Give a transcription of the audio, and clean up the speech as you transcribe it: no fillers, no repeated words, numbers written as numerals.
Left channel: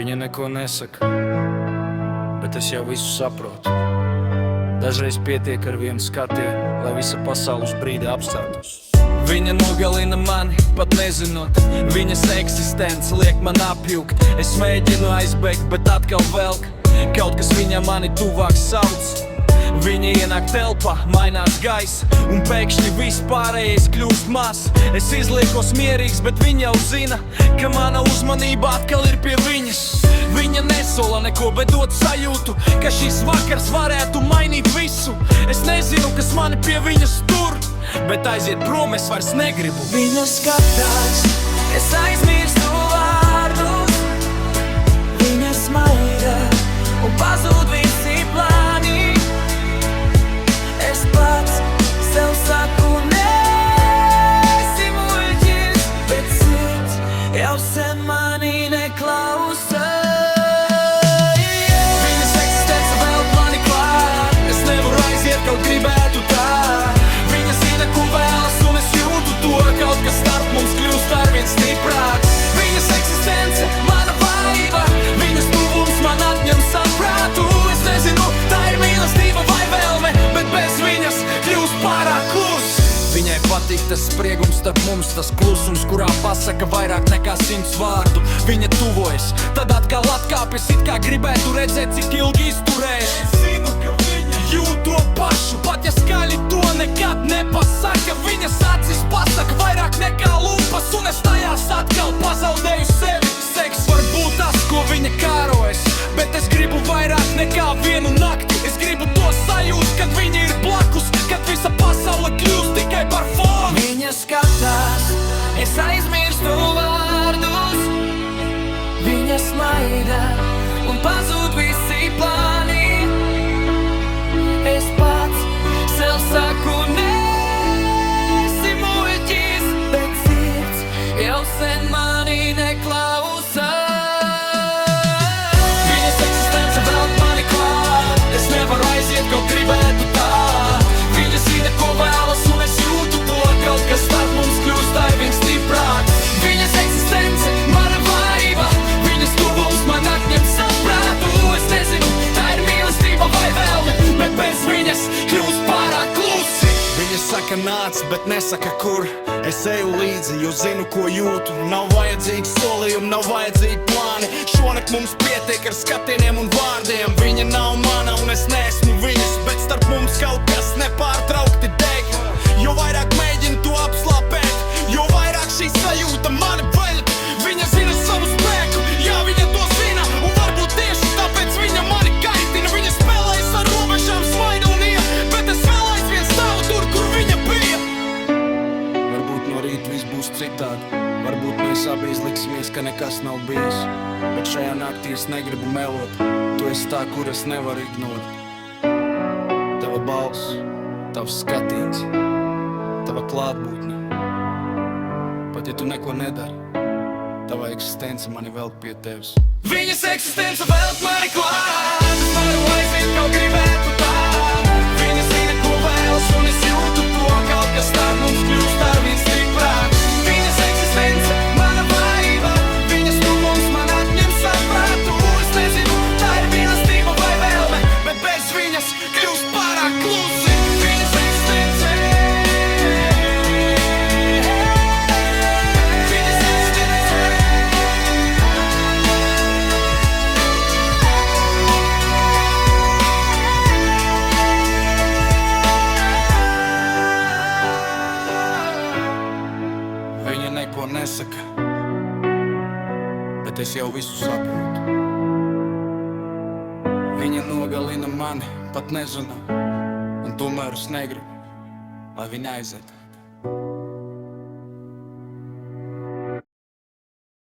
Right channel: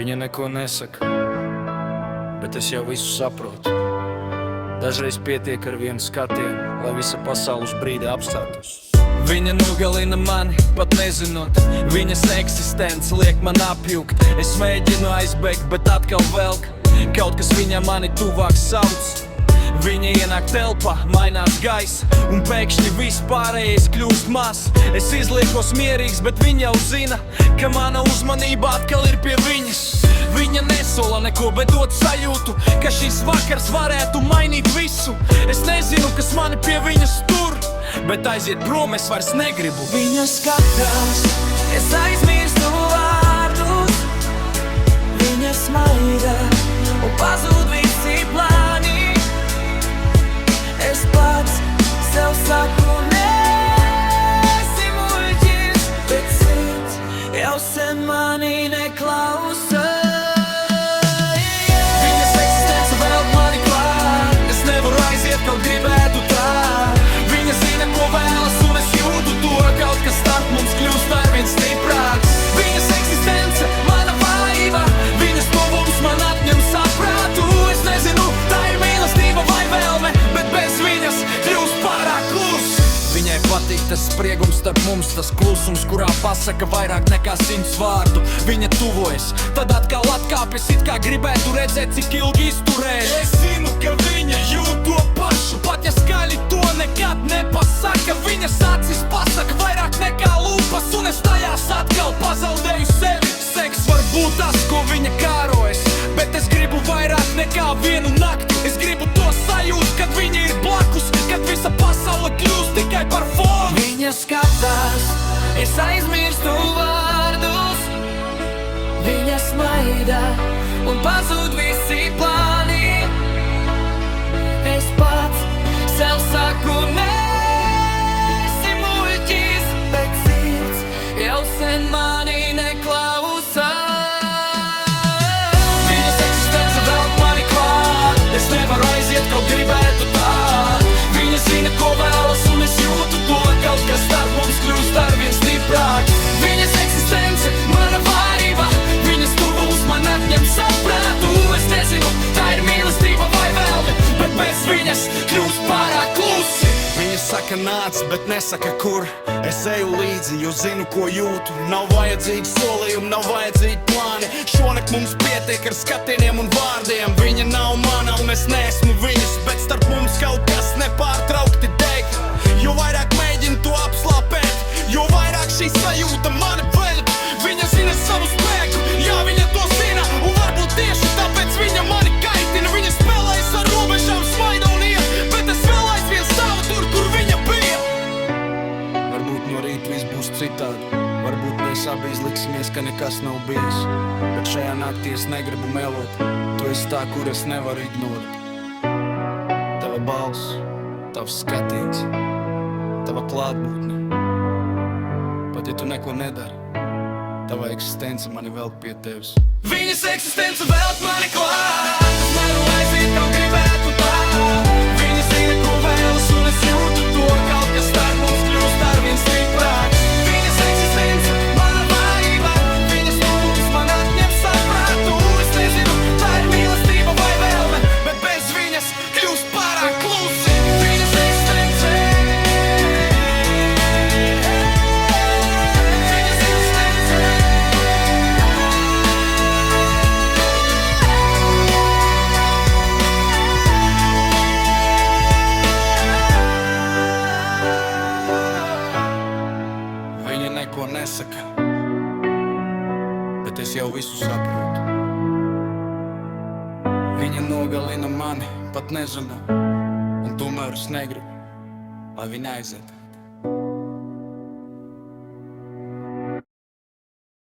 Viņa neko nesaka, bet es jau visu saprotu. Dažreiz pietiek ar vienu skatienu, lai visa pasaule uz brīdi apstātos. Viņa nogalina mani, pat nezinot. Viņas eksistence liek man apjukt. Es mēģinu aizbēgt, bet atkal velk. Kaut kas viņa mani tuvāk sauc. Viņa ienāk telpā, mainās gaisa, un pēkšņi viss pārējais kļūst maz. Es izliekos mierīgs, bet viņa jau zina, ka mana uzmanība atkal ir pie viņas. Viņa nesola neko, bet dod sajūtu, ka šis vakars varētu mainīt visu. Es nezinu, kas mani pie viņas tur, bet aiziet prom es vairs negribu. Viņa skatās, es aizmirstu vārdus. Viņa smaida un pazūd visi plāni. Es pats sev saku, neesi muļķis, bet sirds jau sen mani neklausa. Viņas eksistence velk mani klāt. Es nevaru aiziet, kaut gribētu tā. Viņa zina, ko vēlas, un es jūtu to. Kaut kas starp mums kļūst arvien stiprāks. Viņas eksistence, mana vaiva. Viņas tuvums man atņem saprātu. Es nezinu, tā ir mīlestība vai vēlme, bet bez viņas kļūst pārāk klus. Viņai patīk tas spriegums starp mums, tas klusums, kurā pasaka vairāk nekā 100 vārdu. Viņa tuvojas, tad atkal atkāpjas, it kā gribētu redzēt, cik ilgi izturēs. Es zinu, ka viņa jūt to pašu, pat ja skaļi to nekad nepasaka. Viņas acis pasaka vairāk nekā lūpas, un es tajās atkal pazaudēju sevi. Seks var būt tas, ko viņa kārojas, bet es gribu vairāk nekā vienu nakti. Es gribu to sajūt, kad viņa ir blakus, kad visa pasaule kļūst tikai par fonu. Viņa skatās, es aizmirstu vārdus. Viņa smaida un pazūd visi plāni. Es pats sev saku, neesi muļķis, bet sirds jau sen mani neklausa. Viņas eksistence velk mani klāt. Es nevaru aiziet, kaut gribētu tā. Viņa zina, ko vēlas, un es jūtu to. Kaut kas starp mums kļūst arvien stiprāks. Viņas eksistence, mana vaiva. Viņas tuvums man atņem saprātu. Es nezinu, tā ir mīlestība vai vēlme, bet bez viņas kļūst pārāk klusi. Viņa saka nāc, bet nesaka kur. Es eju līdzi, jo zinu, ko jūtu. Nav vajadzīgi solījumi, nav vajadzīgi plāni. Šonakt mums pietiek ar skatieniem un vārdiem. Viņa nav mana un es neesmu viņas, bet starp mums kaut kas nepārtraukti deg. Jo vairāk mēģinu to apslāpēt, jo vairāk šī sajūta mani veļ. Viņa zina savu spēku, jā, viņa to zina, un varbūt tieši tāpēc viņa mani kaitina. Viņa spēlējas ar robežām, smaida un iet, bet es vēl aizvien stāvu tur, kur viņa bija. Varbūt no rīta viss būs citādi. Varbūt mēs abi izliksimies, ka nekas nav bijis. Bet šajā naktī es negribu melot. Tu esi tā, kur es nevaru ignorēt. Tava balss, tavs skatiens, tava klātbūtne. Pat ja tu neko nedari, tava eksistence mani velk pie tevis. Viņas eksistence velk mani klāt. Es nevaru aiziet, kaut gribētu tā. Viņa zina, ko vēlas, un es jūtu to. Kaut kas starp mums kļūst arvien stiprāks. Viņas eksistence, mana vaiva. Viņas tuvums man atņem saprātu. Es nezinu, tā ir mīlestība vai vēlme, bet bez viņas kļūst pārāk klusi. Viņas eksistence. Viņas eksistence. Viņa neko nesaka, bet es jau visu saprotu. Viņa nogalina mani, pat nezinu, un tomēr es negribu, lai viņa aiziet.